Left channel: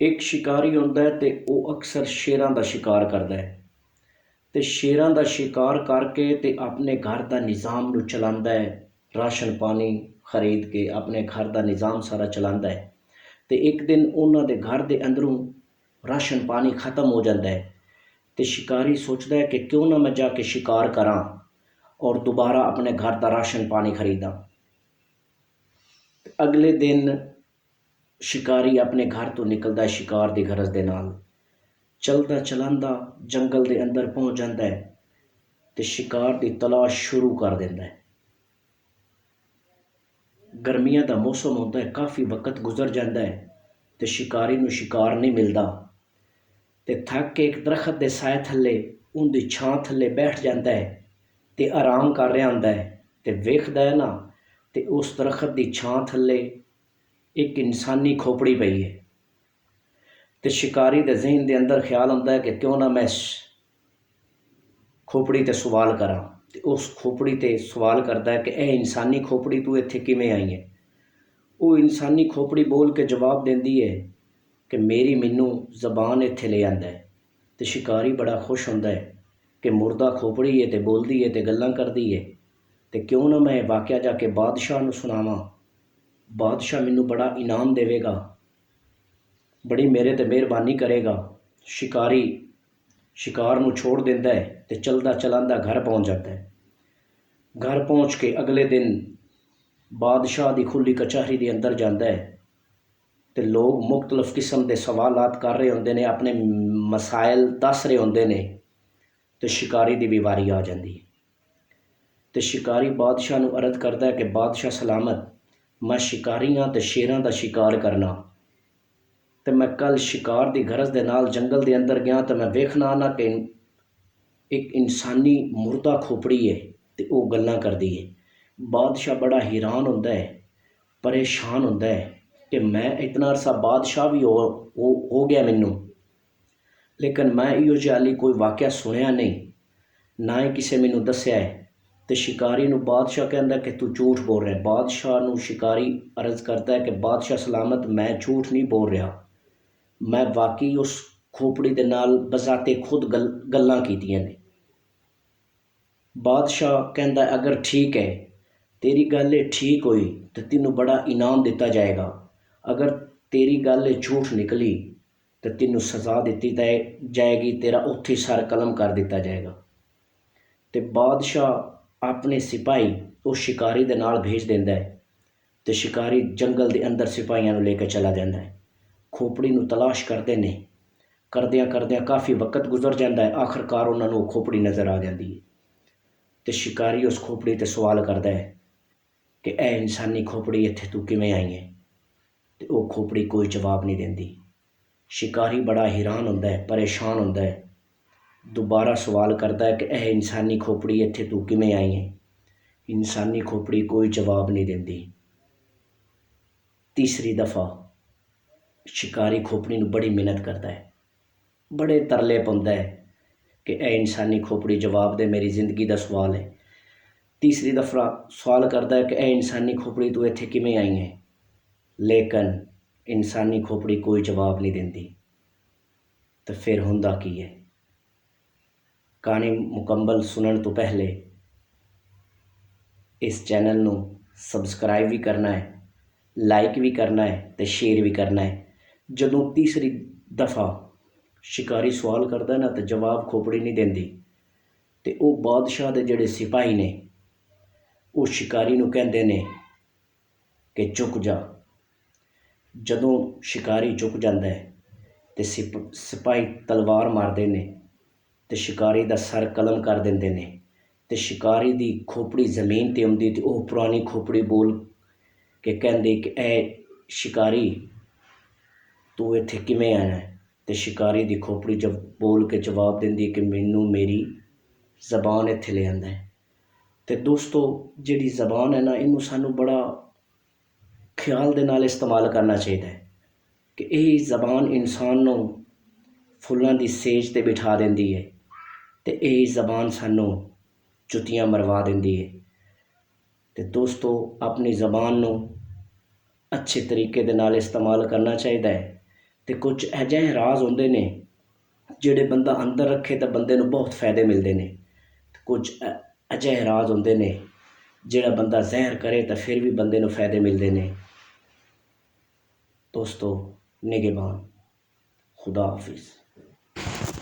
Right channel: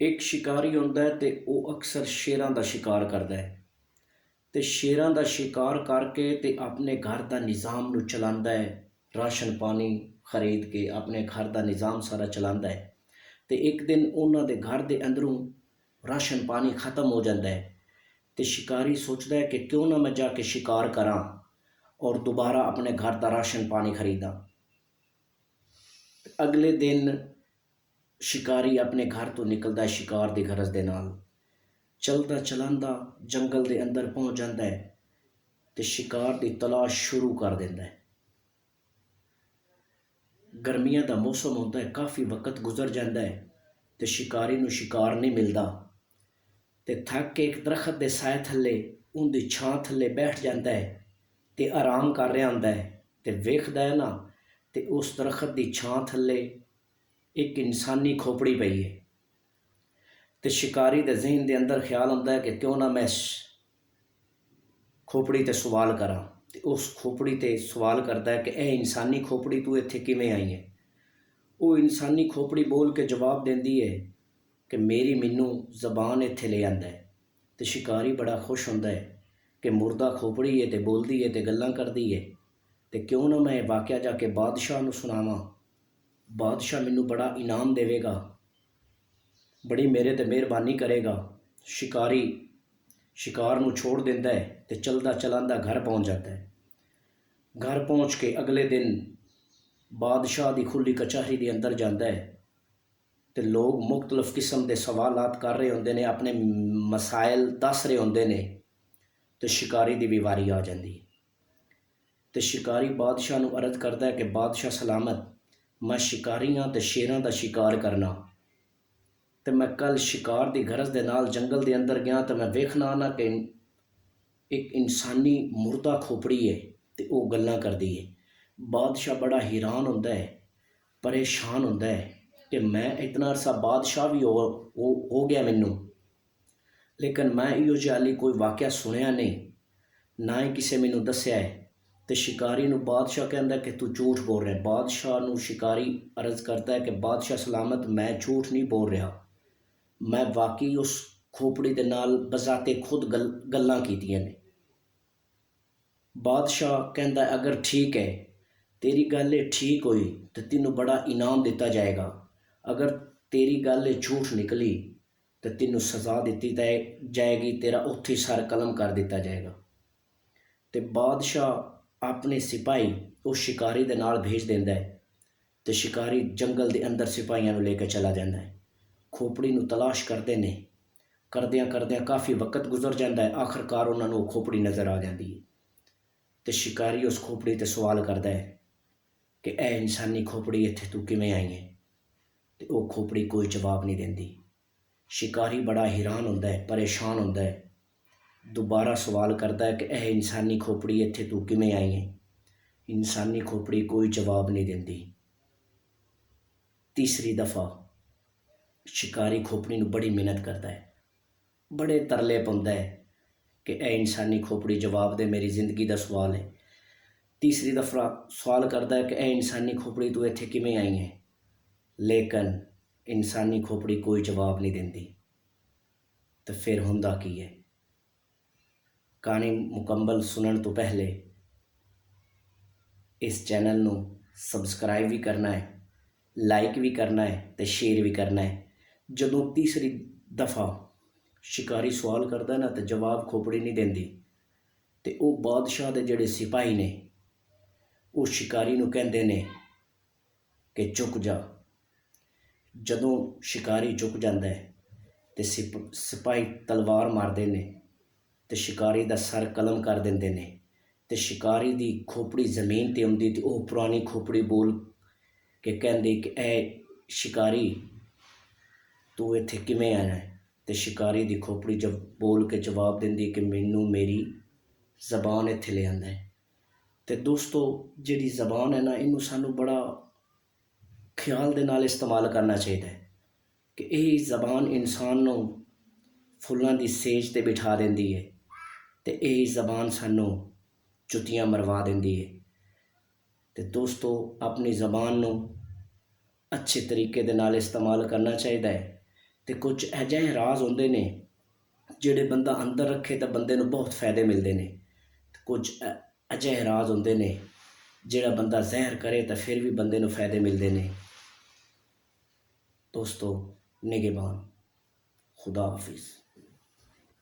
ਇੱਕ ਸ਼ਿਕਾਰੀ ਹੁੰਦਾ ਹੈ ਤੇ ਉਹ ਅਕਸਰ ਸ਼ੇਰਾਂ ਦਾ ਸ਼ਿਕਾਰ ਕਰਦਾ ਹੈ ਤੇ ਸ਼ੇਰਾਂ ਦਾ ਸ਼ਿਕਾਰ ਕਰਕੇ ਤੇ ਆਪਣੇ ਘਰ ਦਾ ਨਿਜ਼ਾਮ ਨੂੰ ਚਲਾਉਂਦਾ ਹੈ। ਰਾਸ਼ਨ ਪਾਣੀ ਖਰੀਦ ਕੇ ਆਪਣੇ ਘਰ ਦਾ ਨਿਜ਼ਾਮ ਸਾਰਾ ਚਲਾਉਂਦਾ ਹੈ। ਤੇ ਇੱਕ ਦਿਨ ਉਹਨਾਂ ਦੇ ਘਰ ਦੇ ਅੰਦਰੋਂ ਰਾਸ਼ਨ ਪਾਣੀ ਖਤਮ ਹੋ ਜਾਂਦਾ ਹੈ ਤੇ ਸ਼ਿਕਾਰੀ ਸੋਚਦਾ ਹੈ ਕਿ ਕਿਉਂ ਨਾ ਮੈਂ ਜਾ ਕੇ ਸ਼ਿਕਾਰ ਕਰਾਂ ਔਰ ਦੁਬਾਰਾ ਆਪਣੇ ਘਰ ਦਾ ਰਾਸ਼ਨ ਪਾਣੀ ਖਰੀਦਾਂ। ਅਗਲੇ ਦਿਨ ਸ਼ਿਕਾਰੀ ਆਪਣੇ ਘਰ ਤੋਂ ਨਿਕਲਦਾ ਹੈ ਸ਼ਿਕਾਰ ਦੀ ਗਰਜ਼ ਦੇ ਨਾਲ। ਚਲਦਾ ਚਲਾਂਦਾ ਜੰਗਲ ਦੇ ਅੰਦਰ ਪਹੁੰਚ ਜਾਂਦਾ ਹੈ ਤੇ ਸ਼ਿਕਾਰ ਦੀ ਤਲਾਸ਼ ਸ਼ੁਰੂ ਕਰ ਦਿੰਦਾ ਹੈ। ਗਰਮੀਆਂ ਦਾ ਮੌਸਮ ਹੁੰਦਾ ਹੈ, ਕਾਫੀ ਵਕਤ ਗੁਜ਼ਰ ਜਾਂਦਾ ਹੈ ਤੇ ਸ਼ਿਕਾਰੀ ਨੂੰ ਸ਼ਿਕਾਰ ਨਹੀਂ ਮਿਲਦਾ ਤੇ ਥੱਕ ਕੇ ਇੱਕ ਦਰਖਤ ਦੇ ਸਾਏ ਥੱਲੇ ਉਹਦੀ ਛਾਂ ਥੱਲੇ ਬੈਠ ਜਾਂਦਾ ਹੈ ਤੇ ਆਰਾਮ ਕਰ ਰਿਹਾ ਹੁੰਦਾ ਹੈ ਤੇ ਵੇਖਦਾ ਹੈ ਨਾ ਤੇ ਉਸ ਦਰਖਤ ਦੀ ਛਾਂ ਥੱਲੇ ਇੱਕ ਇਨਸਾਨੀ ਖੋਪੜੀ ਪਈ ਹੈ। ਤੇ ਸ਼ਿਕਾਰੀ ਦੇ ਜ਼ਿਹਨ ਦੇ ਅੰਦਰ ਖਿਆਲ ਆਉਂਦਾ ਹੈ ਕਿ ਕਿਉਂ ਨਾ ਮੈਂ ਇਸ ਖੋਪੜੀ 'ਤੇ ਸਵਾਲ ਕਰਾਂ ਤੇ ਉਸ ਖੋਪੜੀ 'ਤੇ ਸਵਾਲ ਕਰਦਾ ਹੈ ਕਿ ਇਹ ਇਨਸਾਨੀ ਖੋਪੜੀ ਤੂੰ ਇੱਥੇ ਕਿਵੇਂ ਆਈ ਹੈ। ਉਹ ਇਨਸਾਨੀ ਖੋਪੜੀ ਬੋਲ ਕੇ ਜਵਾਬ ਦਿੰਦੀ ਹੈ ਕਿ ਮੈਨੂੰ ਜ਼ਬਾਨ ਇੱਥੇ ਲੈ ਆਂਦਾ ਹੈ। ਤੇ ਸ਼ਿਕਾਰੀ ਬੜਾ ਖੁਸ਼ ਹੁੰਦਾ ਹੈ ਕਿ ਮੁਰਦਾ ਖੋਪੜੀ ਹੈ ਤੇ ਬੋਲਦੀ ਹੈ ਤੇ ਗੱਲਾਂ ਕਰਦੀ ਹੈ ਤੇ ਕਿਉਂ ਨਾ ਮੈਂ ਇਹ ਵਾਕਿਆ ਜਾ ਕੇ ਬਾਦਸ਼ਾਹ ਨੂੰ ਸੁਣਾਵਾਂ। ਬਾਦਸ਼ਾਹ ਮੈਨੂੰ ਬੜਾ ਇਨਾਮ ਦੇਵੇਗਾ, ਬੜੀ ਮੇਰੇ ਤੇ ਮਿਹਰਬਾਨੀ ਕਰੇਗਾ। ਸ਼ਿਕਾਰੀ ਸ਼ਿਕਾਰ ਨੂੰ ਛੋੜ ਦਿੰਦਾ ਹੈ ਤੇ ਚਲਦਾ ਚਲਾਂਦਾ ਘਰ ਪਹੁੰਚ ਜਾਂਦਾ ਹੈ। ਘਰ ਪਹੁੰਚ ਕੇ ਅਗਲੇ ਦਿਨ ਬਾਦਸ਼ਾਹ ਦੀ ਖੁੱਲੀ ਕਚਹਿਰੀ ਦੇ ਅੰਦਰ ਜਾਂਦਾ ਹੈ ਤੇ ਲੋਕ ਮੁਖਤਲਿਫ ਕਿਸਮ ਦੇ ਸਵਾਲਾਤ ਕਰ ਰਹੇ ਹੁੰਦੇ ਨੇ, ਆਪਣੇ ਮਸਾਇਲ ਦੱਸ ਰਹੇ ਹੁੰਦੇ ਨੇ ਤੇ ਸ਼ਿਕਾਰੀ ਦੀ ਵੀ ਵਾਰੀ ਆ ਜਾਂਦੀ ਹੈ। ਤੇ ਸ਼ਿਕਾਰੀ ਬਾਦਸ਼ਾਹ ਨੂੰ ਅਰਜ਼ ਕਰਦਾ ਹੈ ਕਿ ਬਾਦਸ਼ਾਹ ਸਲਾਮਤ, ਮੈਂ ਸ਼ਿਕਾਰੀ ਹਾਂ ਤੇ ਸ਼ੇਰਾਂ ਦਾ ਸ਼ਿਕਾਰ ਕਰਨਾ ਤੇ ਮੈਂ ਕੱਲ ਸ਼ਿਕਾਰ ਦੀ ਗਰਜ਼ ਦੇ ਨਾਲ ਜੰਗਲ ਦੇ ਅੰਦਰ ਗਿਆ ਤੇ ਮੈਂ ਵੇਖਣਾ ਨਾ ਕਿ ਇੱਕ ਇਨਸਾਨੀ ਮੁਰਦਾ ਖੋਪੜੀ ਹੈ ਤੇ ਉਹ ਗੱਲਾਂ ਕਰਦੀ ਹੈ। ਬਾਦਸ਼ਾਹ ਬੜਾ ਹੈਰਾਨ ਹੁੰਦਾ ਹੈ, ਪਰੇਸ਼ਾਨ ਹੁੰਦਾ ਹੈ ਕਿ ਮੈਂ ਇਤਨਾ ਅਰਸਾ ਬਾਦਸ਼ਾਹ ਵੀ ਹੋ ਗਿਆ ਮੈਨੂੰ, ਲੇਕਿਨ ਮੈਂ ਇਹੋ ਜਿਹਾ ਹਾਲੀ ਕੋਈ ਵਾਕਿਆ ਸੁਣਿਆ ਨਹੀਂ, ਨਾ ਹੀ ਕਿਸੇ ਮੈਨੂੰ ਦੱਸਿਆ ਹੈ। ਤੇ ਸ਼ਿਕਾਰੀ ਨੂੰ ਬਾਦਸ਼ਾਹ ਕਹਿੰਦਾ ਕਿ ਤੂੰ ਝੂਠ ਬੋਲ ਰਿਹਾ। ਬਾਦਸ਼ਾਹ ਨੂੰ ਸ਼ਿਕਾਰੀ ਅਰਜ਼ ਕਰਦਾ ਹੈ ਕਿ ਬਾਦਸ਼ਾਹ ਸਲਾਮਤ, ਮੈਂ ਝੂਠ ਨਹੀਂ ਬੋਲ ਰਿਹਾ, ਮੈਂ ਵਾਕਈ ਉਸ ਖੋਪੜੀ ਦੇ ਨਾਲ ਬਜ਼ਾਤੇ ਖੁਦ ਗੱਲਾਂ ਕੀਤੀਆਂ ਨੇ। ਬਾਦਸ਼ਾਹ ਕਹਿੰਦਾ ਅਗਰ ਠੀਕ ਹੈ, ਤੇਰੀ ਗੱਲ ਇਹ ਠੀਕ ਹੋਈ ਤਾਂ ਤੈਨੂੰ ਬੜਾ ਇਨਾਮ ਦਿੱਤਾ ਜਾਏਗਾ, ਅਗਰ ਤੇਰੀ ਗੱਲ ਇਹ ਝੂਠ ਨਿਕਲੀ ਤਾਂ ਤੈਨੂੰ ਸਜ਼ਾ ਦਿੱਤੀ ਜਾਏਗੀ, ਤੇਰਾ ਉੱਥੇ ਹੀ ਸਰ ਕਲਮ ਕਰ ਦਿੱਤਾ ਜਾਏਗਾ। ਤੇ ਬਾਦਸ਼ਾਹ ਆਪਣੇ ਸਿਪਾਹੀ ਉਸ ਸ਼ਿਕਾਰੀ ਦੇ ਨਾਲ ਭੇਜ ਦਿੰਦਾ ਹੈ ਤੇ ਸ਼ਿਕਾਰੀ ਜੰਗਲ ਦੇ ਅੰਦਰ ਸਿਪਾਹੀਆਂ ਨੂੰ ਲੈ ਕੇ ਚਲਾ ਜਾਂਦਾ ਹੈ। ਖੋਪੜੀ ਨੂੰ ਤਲਾਸ਼ ਕਰਦੇ ਨੇ, ਕਰਦਿਆਂ ਕਰਦਿਆਂ ਕਾਫੀ ਵਕਤ ਗੁਜ਼ਰ ਜਾਂਦਾ ਹੈ। ਆਖਰਕਾਰ ਉਹਨਾਂ ਨੂੰ ਉਹ ਖੋਪੜੀ ਨਜ਼ਰ ਆ ਜਾਂਦੀ ਹੈ ਤੇ ਸ਼ਿਕਾਰੀ ਉਸ ਖੋਪੜੀ 'ਤੇ ਸਵਾਲ ਕਰਦਾ ਹੈ ਕਿ ਇਹ ਇਨਸਾਨੀ ਖੋਪੜੀ ਇੱਥੇ ਤੂੰ ਕਿਵੇਂ ਆਈ ਹੈ ਤੇ ਉਹ ਖੋਪੜੀ ਕੋਈ ਜਵਾਬ ਨਹੀਂ ਦਿੰਦੀ। ਸ਼ਿਕਾਰੀ ਬੜਾ ਹੈਰਾਨ ਹੁੰਦਾ ਹੈ, ਪਰੇਸ਼ਾਨ ਹੁੰਦਾ ਹੈ, ਦੁਬਾਰਾ ਸਵਾਲ ਕਰਦਾ ਹੈ ਕਿ ਇਹ ਇਨਸਾਨੀ ਖੋਪੜੀ ਇੱਥੇ ਤੂੰ ਕਿਵੇਂ ਆਈ ਹੈ। ਇਨਸਾਨੀ ਖੋਪੜੀ ਕੋਈ ਜਵਾਬ ਨਹੀਂ ਦਿੰਦੀ। ਤੀਸਰੀ ਦਫਾ ਸ਼ਿਕਾਰੀ ਖੋਪੜੀ ਨੂੰ ਬੜੀ ਮਿਹਨਤ ਕਰਦਾ ਹੈ, ਬੜੇ ਤਰਲੇ ਪਾਉਂਦਾ ਹੈ ਕਿ ਇਹ ਇਨਸਾਨੀ ਖੋਪੜੀ ਜਵਾਬ ਦੇ, ਮੇਰੀ ਜ਼ਿੰਦਗੀ ਦਾ ਸਵਾਲ ਹੈ। ਤੀਸਰੀ ਦਫਾ ਸਵਾਲ ਕਰਦਾ ਹੈ ਕਿ ਇਹ ਇਨਸਾਨੀ ਖੋਪੜੀ ਤੂੰ ਇੱਥੇ ਕਿਵੇਂ ਆਈ ਹੈ, ਲੇਕਿਨ ਇਨਸਾਨੀ ਖੋਪੜੀ ਕੋਈ ਜਵਾਬ ਨਹੀਂ ਦਿੰਦੀ। ਤਾਂ ਫਿਰ ਹੁੰਦਾ ਕੀ ਹੈ? ਕਹਾਣੀ ਮੁਕੰਮਲ ਸੁਣਨ ਤੋਂ ਪਹਿਲੇ ਇਸ ਚੈਨਲ ਨੂੰ ਸਬਸਕ੍ਰਾਈਬ ਵੀ ਕਰਨਾ ਹੈ, ਲਾਈਕ ਵੀ ਕਰਨਾ ਹੈ ਤੇ ਸ਼ੇਅਰ ਵੀ ਕਰਨਾ ਹੈ। ਜਦੋਂ ਤੀਸਰੀ ਦਫਾ ਸ਼ਿਕਾਰੀ ਸਵਾਲ ਕਰਦਾ ਨਾ ਤੇ ਜਵਾਬ ਖੋਪੜੀ ਨਹੀਂ ਦਿੰਦੀ ਤੇ ਉਹ ਬਾਦਸ਼ਾਹ ਦੇ ਜਿਹੜੇ ਸਿਪਾਹੀ ਨੇ ਉਹ ਸ਼ਿਕਾਰੀ ਨੂੰ ਕਹਿੰਦੇ ਨੇ ਕਿ ਝੁਕ ਜਾ। ਜਦੋਂ ਸ਼ਿਕਾਰੀ ਝੁਕ ਜਾਂਦਾ ਹੈ ਤੇ ਸਿਪਾਹੀ ਤਲਵਾਰ ਮਾਰਦੇ ਨੇ ਤੇ ਸ਼ਿਕਾਰੀ ਦਾ ਸਰ ਕਲਮ ਕਰ ਦਿੰਦੇ ਨੇ ਤੇ ਸ਼ਿਕਾਰੀ ਦੀ ਖੋਪੜੀ ਜ਼ਮੀਨ 'ਤੇ ਆਉਂਦੀ ਤੇ ਉਹ ਪੁਰਾਣੀ ਖੋਪੜੀ ਬੋਲ ਕੇ ਕਹਿੰਦੇ ਕਿ ਇਹ ਸ਼ਿਕਾਰੀ ਤੂੰ ਇੱਥੇ ਕਿਵੇਂ ਆਇਆ ਹੈ। ਤੇ ਸ਼ਿਕਾਰੀ ਦੀ ਖੋਪੜੀ ਜਬ ਬੋਲ ਕੇ ਜਵਾਬ ਦਿੰਦੀ ਕਿ ਮੈਨੂੰ ਮੇਰੀ ਜ਼ਬਾਨ ਇੱਥੇ ਲੈ ਆਂਦਾ ਹੈ। ਤੇ ਦੋਸਤੋ, ਜਿਹੜੀ ਜ਼ਬਾਨ ਹੈ ਨਾ, ਇਹਨੂੰ ਸਾਨੂੰ ਬੜਾ ਖਿਆਲ ਦੇ ਨਾਲ ਇਸਤੇਮਾਲ ਕਰਨਾ ਚਾਹੀਦਾ ਹੈ ਕਿ ਇਹ ਜ਼ਬਾਨ ਇਨਸਾਨ ਨੂੰ ਫੁੱਲਾਂ ਦੀ ਸੇਜ 'ਤੇ ਬਿਠਾ ਦਿੰਦੀ ਹੈ ਤੇ ਇਹ ਜ਼ਬਾਨ ਸਾਨੂੰ ਜੁੱਤੀਆਂ ਮਰਵਾ ਦਿੰਦੀ ਹੈ। ਤੇ ਦੋਸਤੋ, ਆਪਣੀ ਜ਼ਬਾਨ ਨੂੰ ਅੱਛੇ ਤਰੀਕੇ ਦੇ ਨਾਲ ਇਸਤੇਮਾਲ ਕਰਨਾ ਚਾਹੀਦਾ ਹੈ ਤੇ ਕੁਝ ਅਜਿਹੇ ਰਾਜ਼ ਹੁੰਦੇ ਨੇ ਜਿਹੜੇ ਬੰਦਾ ਅੰਦਰ ਰੱਖੇ ਤਾਂ ਬੰਦੇ ਨੂੰ ਬਹੁਤ ਫਾਇਦੇ ਮਿਲਦੇ ਨੇ, ਤੇ ਕੁਝ ਅਜਿਹੇ ਰਾਜ਼ ਹੁੰਦੇ ਨੇ ਜਿਹੜਾ ਬੰਦਾ ਜ਼ਹਿਰ ਕਰੇ ਤਾਂ ਫਿਰ ਵੀ ਬੰਦੇ ਨੂੰ ਫਾਇਦੇ ਮਿਲਦੇ ਨੇ। ਦੋਸਤੋ, ਨਿਗਹਿਬਾਨ, खुदा हाफिज़।